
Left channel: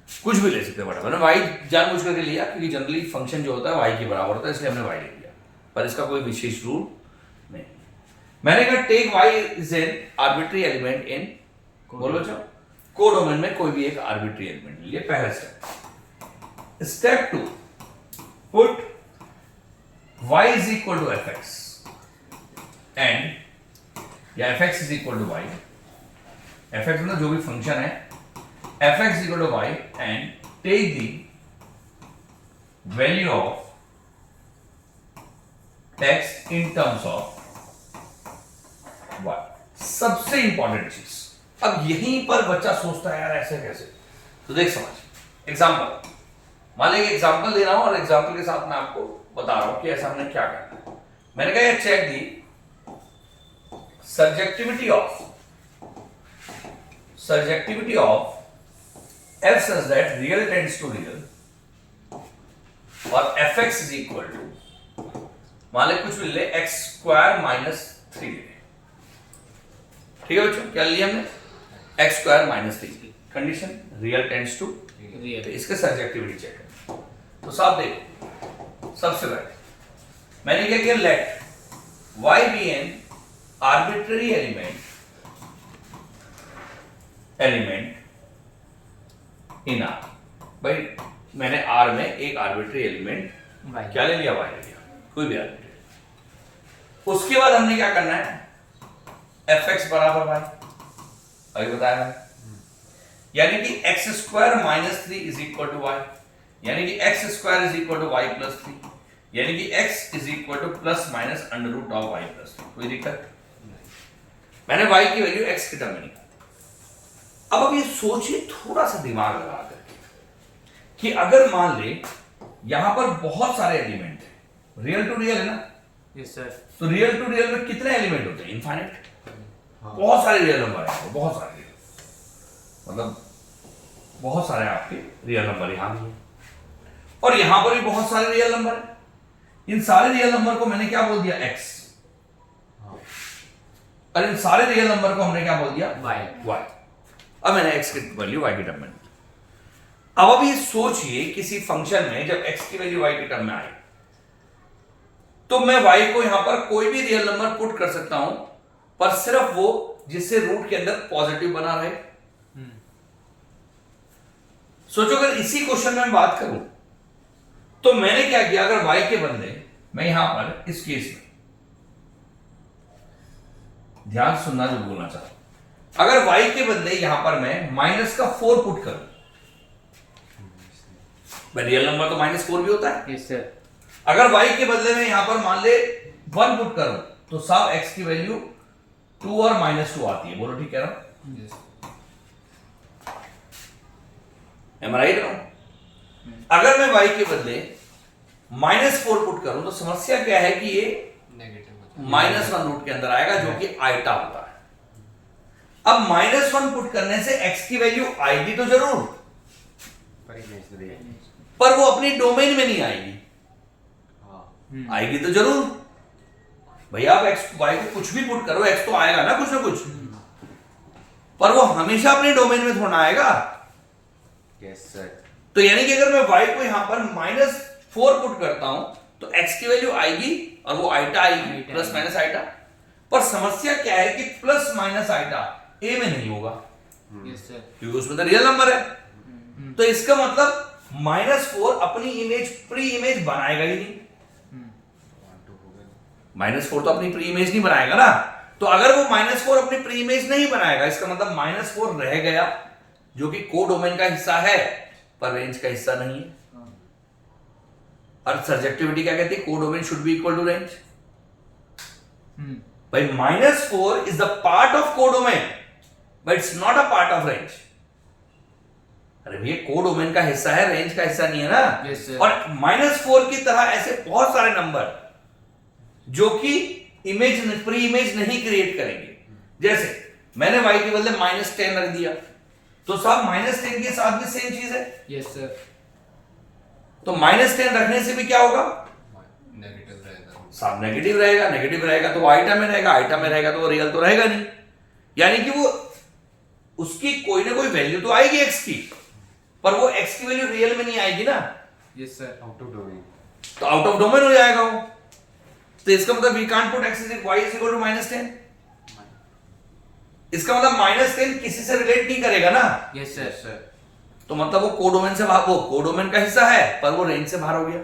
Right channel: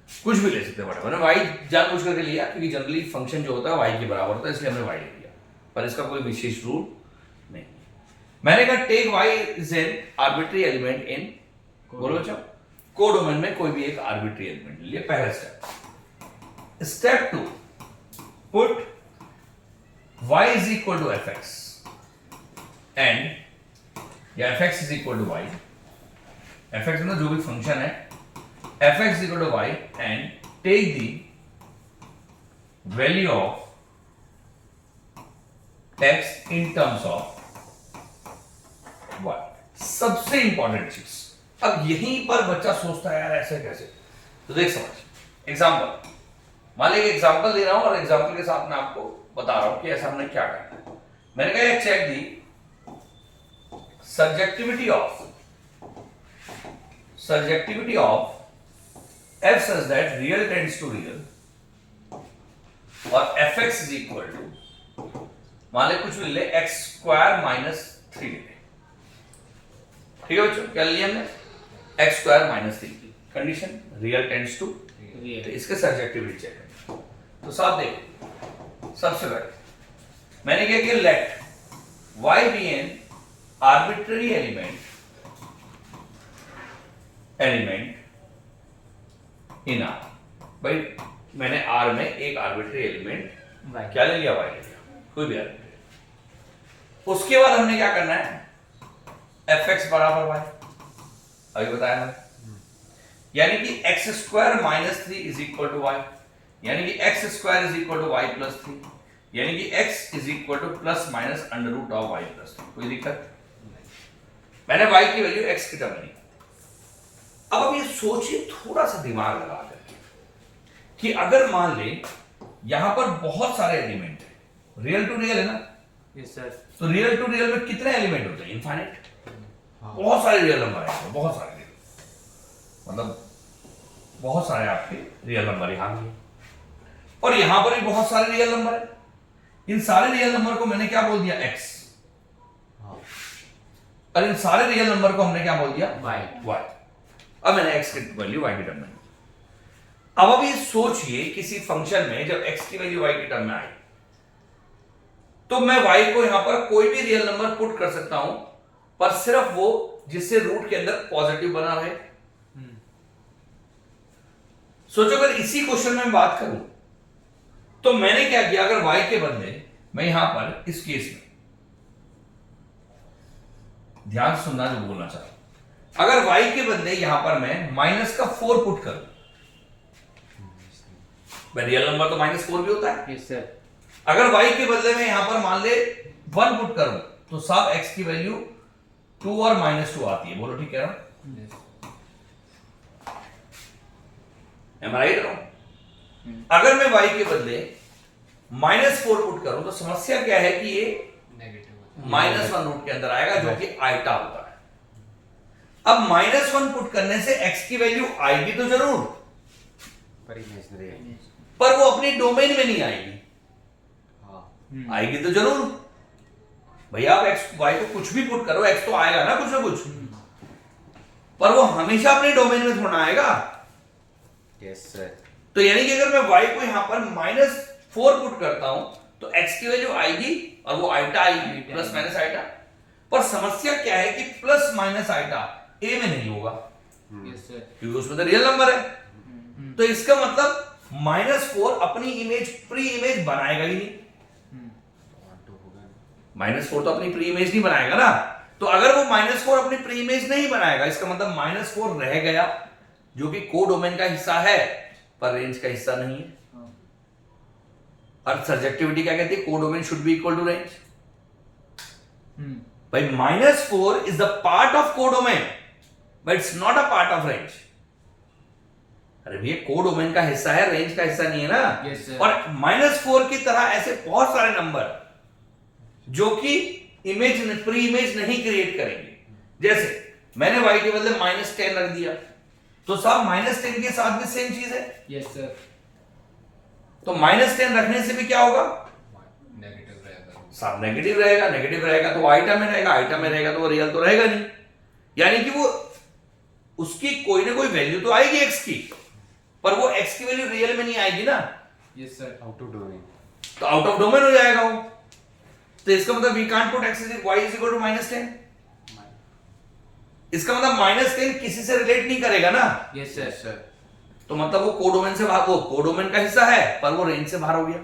कुछ भी ले सकते हैं, बट मैंने y जानबूझ करके लिया क्योंकि जनरली फंक्शन जो होता है y के बराबर होता है, इसलिए हमने y ले लिया, पर इसका कोई विशेष रूल नहीं। मैंने कहा take y is an arbitrary element in, बोलो बच्चों, कोडोमेन में कोई भी एक आर्बिट्री एलिमेंट ले लिया, पहला step. Step 2, put y is equal to fx and या fx is equal to y, fx मतलब जो भी फंक्शन है, fx is equal to y and take the value of x in terms of y। सबसे इंपॉर्टेंट चीज, अब यहीं पर बच्चा सोचता है यार ऐसे कैसे, तो देख समझ, एग्जांपल मान लीजिए एग्जांपल दे रहा हूं और एग्जांपल के साथ मैं आपको बता रहा हूं कि ऐसा हमने क्या करना है। मैंने कहा check the surjectivity of f such that real tends to real और fx is equal to, मान ले कुछ भी ले, x स्क्वायर माइनस 3 ले, ठीक है बच्चों, क्या लिया हमने, x स्क्वायर माइनस 3 की condition, real tends to real, तो इसका सर्जेक्टिविटी चेक करना। तो साहब देखो, सबसे पहले मैंने क्या किया, let y be an arbitrary element in R, भाई मैंने R में एक आर्बिट्री एलिमेंट क्या ले लिया, y ले लिया, कोई भी आर्बिट्री। उसके बाद हमने क्या करना है, fx बराबर y, अभी बताया है, यानी कि x square minus 3 is equal to y, यानी कि x square is equal to y plus 3, यानी कि x is equal to plus minus under root of y plus 3, कोई दिक्कत, मैंने y की वैल्यू x की टर्म में निकाली। अब ये सोचिए थोड़ा सा दिमाग लगा कर कि अगर मान ले यहां पर बहुत सारे एलिमेंट है, रियल टू रियल है ना, यस सर, तो रियल टू रियल में कितने एलिमेंट होते हैं, इनफाइनाइट, बहुत सारे रियल नंबर है, बहुत सारे रियल, मतलब बहुत सारे आपके रियल नंबर यहां भी, और यहां पर भी बहुत सारे रियल नंबर है। इन सारे रियल नंबर को मैंने क्या बोल दिया, x, और इन सारे रियल नंबर को हमने क्या बोल दिया, वाई। y। अब मैंने x की वैल्यू y की टर्म में, अब अभी सोचिए किसी फंक्शन में जब x की वैल्यू y की टर्म में आए तो मैं y को यहां पर कोई भी रियल नंबर पुट कर सकता हूं, पर सिर्फ वो जिससे रूट के अंदर पॉजिटिव बना रहे। सोचो अगर इसी क्वेश्चन में बात करूं तो मैंने क्या किया, अगर y के बदले मैं यहां पर इस केस में, ध्यान से सुनना जो बोलना चाहता हूं, अगर y के बदले यहां पर मैं -4 पुट करूं, रियल नंबर तो -4 भी होता है। Yes sir. अगर y के बदले में यहां पर मान ले 1 पुट करूं तो साहब x की वैल्यू 2 और -2 आती है। बोलो ठीक कह रहा हूं? Am I right? अगर मैं y के बदले -4 पुट करूं तो समस्या क्या है कि ये -1 रूट के अंदर आएगा जो कि आइटा होता है। अब -1 पुट करने से x की वैल्यू आएगी तो जरूर, पर वो अपनी डोमेन में नहीं आएगी। आएगी तो जरूर भैया, आप x y को कुछ भी पुट करो x तो आएगा ना कुछ, पर वो हमेशा अपनी डोमेन में थोड़ा आएगा। Yes sir. तो यानी कि अगर मैं y को यहां पर -4 पुट करता हूं तो x की वैल्यू आएगी और वो आइटा आएगी, प्लस माइनस आइटा। पर समस्या क्या है कि प्लस माइनस आइटा a में नहीं होगा, यस सर। क्योंकि उसमें तो रियल नंबर है। तो इसका मतलब -4 अपनी इमेज प्री इमेज बनाएगा ही नहीं। -4 तो अपनी प्री इमेज नहीं बनाएगा ना। तो अगर वो -4 अपनी प्री इमेज नहीं बनाएगा, इसका मतलब -4 रह गया जो कि कोडोमेन का हिस्सा है पर रेंज का हिस्सा नहीं है। और सर्जेक्टिविटी क्या कहती है, codomain should be equal to range. भाई -4 is the part of codomain but it's not a part of range. अरे भैया कोडोमेन का हिस्सा है, रेंज का हिस्सा नहीं है ना। Yes, sir. और -4 की तरह ऐसे बहुत सारे नंबर जो कि इमेज प्री इमेज नहीं क्रिएट करेंगे। जैसे मैंने y के बदले -10 रख दिया तो साहब -10 के साथ भी सेम चीज है। Yes sir. तो -10 रखने से भी क्या होगा, साहब नेगेटिव रहेगा। नेगेटिव रहेगा तो वो आइटम में रहेगा, आइटम में रहेगा तो वो रियल तो रहेगा नहीं। यानी कि वो उसकी कोई ना कोई वैल्यू तो आएगी x की, पर वो x की वैल्यू रियल में नहीं आएगी ना। Yes sir. Out of domain. तो आउट ऑफ डोमेन हो जाएगा वो। तो इसका मतलब we can't put x y is equal to -10। इसका मतलब -10 किसी से रिलेट नहीं करेगा ना। Yes sir. तो मतलब वो कोडोमेन से बाहर, वो कोडोमेन का हिस्सा है पर वो रेंज से बाहर हो गया।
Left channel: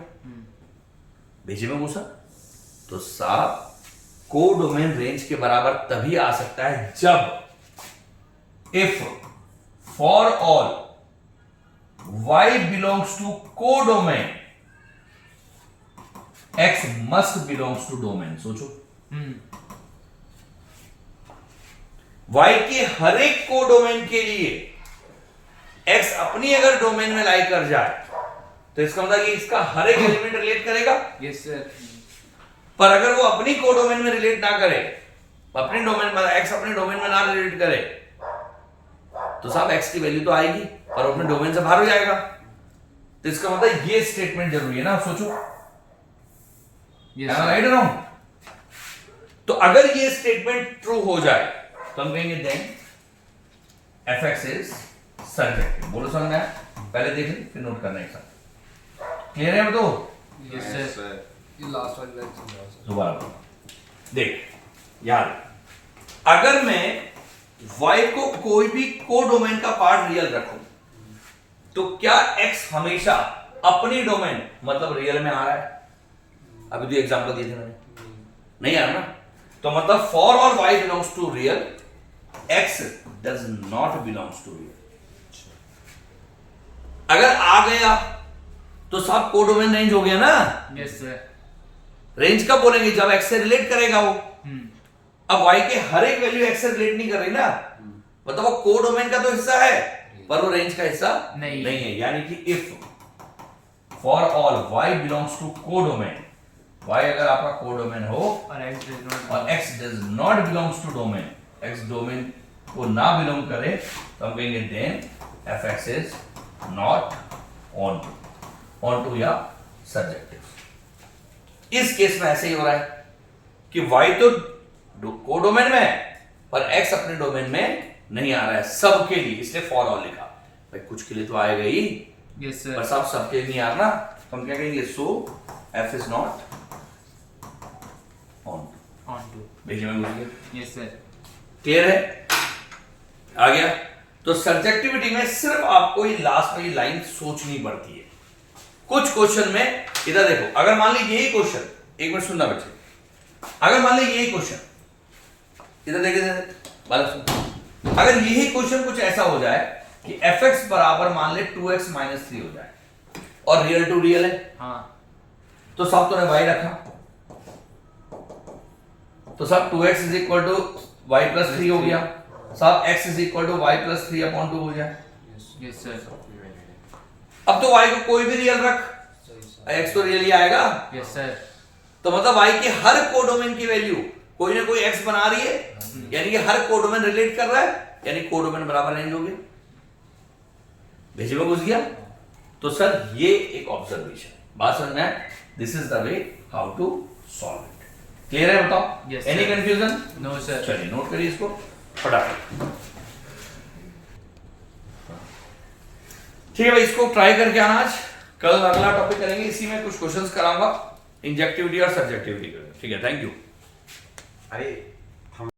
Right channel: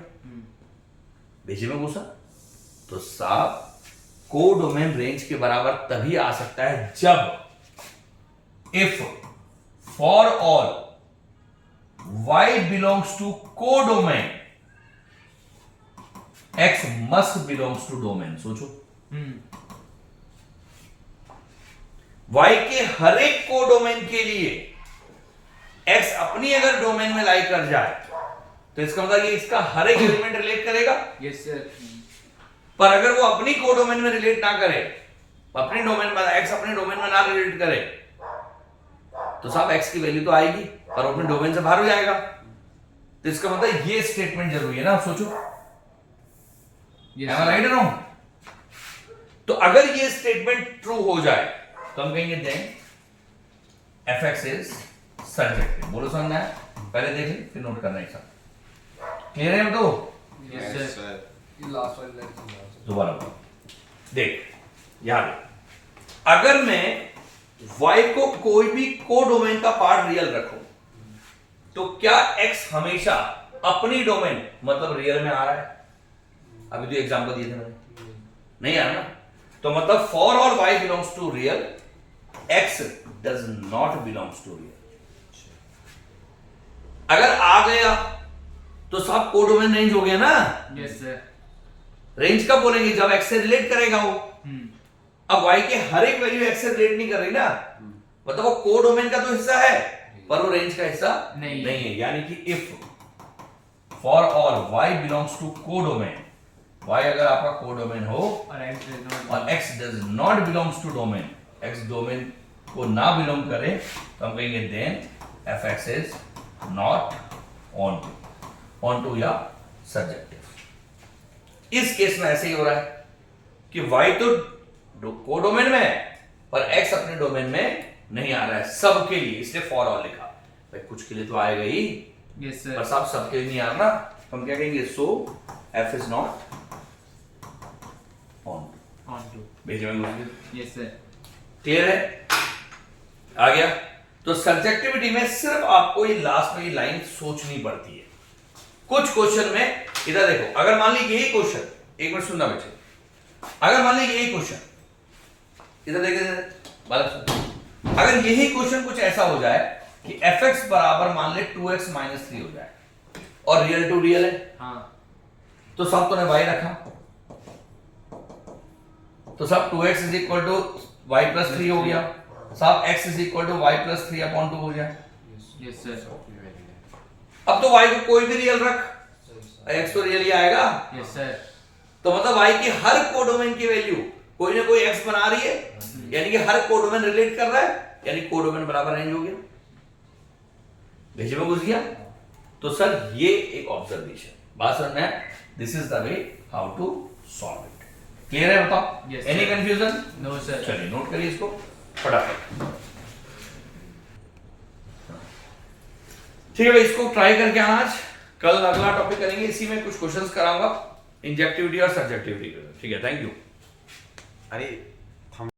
भेजे में घुसा। तो साहब कोडोमेन रेंज के बराबर तभी आ सकता है जब if for all y belongs to codomain x must belongs to domain. सोचो y के हर एक कोडोमेन के लिए x अपनी अगर डोमेन में लाई कर जाए तो इसका मतलब कि इसका हर एक एलिमेंट रिलेट करेगा। Yes sir. पर अगर वो अपनी कोडोमेन में रिलेट ना करे, अपनी डोमेन में x अपने डोमेन में ना रिलेट करे तो साहब x की वैल्यू तो आएगी पर अपने डोमेन से बाहर हो जाएगा। तो इसका मतलब ये स्टेटमेंट जरूरी है ना। सोचो राइट है ना। तो अगर ये स्टेटमेंट ट्रू हो जाए तो हम कहेंगे देन fx इज सर्जेक्टिव। बोलो समझना है, पहले देख लें फिर नोट करना है सब। क्लियर है तो? Yes sir. ये लास्ट वाली लाइन समझाओ। दोबारा बोलो। देख यार, अगर मैं y को कोई भी कोडोमेन का पार्ट रियल रखूं तो क्या x हमेशा अपनी डोमेन मतलब रियल में आ रहा है? अभी तो एग्जांपल दिए थे मैंने, नहीं आया ना। तो मतलब फॉर और y belongs to real, x does not belongs to real. अगर आ गया तो सब कोडोमेन रेंज हो गया ना। Yes sir. रेंज कब बोलेंगे, जब x से रिलेट करेगा वो। अब y के हर एक वैल्यू x से रिलेट नहीं कर रही ना, मतलब वो कोडोमेन का तो हिस्सा है पर वो रेंज का हिस्सा नहीं है। यानी कि if for all y belongs to codomain, y अगर आपका कोडोमेन हो और x does not belongs to domain, x domain को ना बिलोंग करे तो हम कहेंगे then fx is not onto या सर्जेक्टिव। इस केस में ऐसे ही हो रहा है कि y तो कोडोमेन में है पर x अपने डोमेन में नहीं आ रहा है सबके लिए, इसलिए फॉर ऑल लिखा। भाई कुछ के लिए तो आएगा ही, यस पर सर। सब सबके लिए नहीं आ रहा, तो हम क्या कहेंगे, so f is not on onto. भेजे में मुझे यस सर। क्लियर है, आ गया। तो सब्जेक्टिविटी में सिर्फ आपको ये लास्ट में ये लाइन सोचनी पड़ती है। कुछ क्वेश्चन में इधर देखो, अगर मान लीजिए यही क्वेश्चन, एक मिनट सुनना बच्चे, अगर मान लीजिए यही क्वेश्चन इधर देखिए, बात सुनो, अगर यही क्वेश्चन कुछ ऐसा हो जाए कि fx बराबर मान ले 2x माइनस 3 हो जाए और रियल टू रियल है, हाँ तो सब तूने y रखा, तो सब 2x is equal to y plus 3 हो गया, सब x is equal to y plus 3 upon 2 हो जाए। Yes sir. अब तो y को कोई भी रियल रख, x तो रियल ही आएगा, यस सर। तो मतलब y की हर कोडोमेन की वैल्यू कोई ना कोई x बना रही है, यानी कि हर कोडोमेन रिलेट कर रहा है, यानी कोडोमेन बराबर रेंज हो गया। भेजे में घुस गया। तो सर ये एक ऑब्जर्वेशन, बात समझ में, this is the way how to solve it. Clear है, बताओ? Yes, any sir. Confusion? No sir. चलिए नोट करिए इसको फटाफट। ठीक है भाई, इसको ट्राई करके आना आज, कल अगला टॉपिक करेंगे, इसी में कुछ क्वेश्चंस कराऊंगा, इंजेक्टिविटी और सब्जेक्टिविटी। ठीक है, थैंक यू। अरे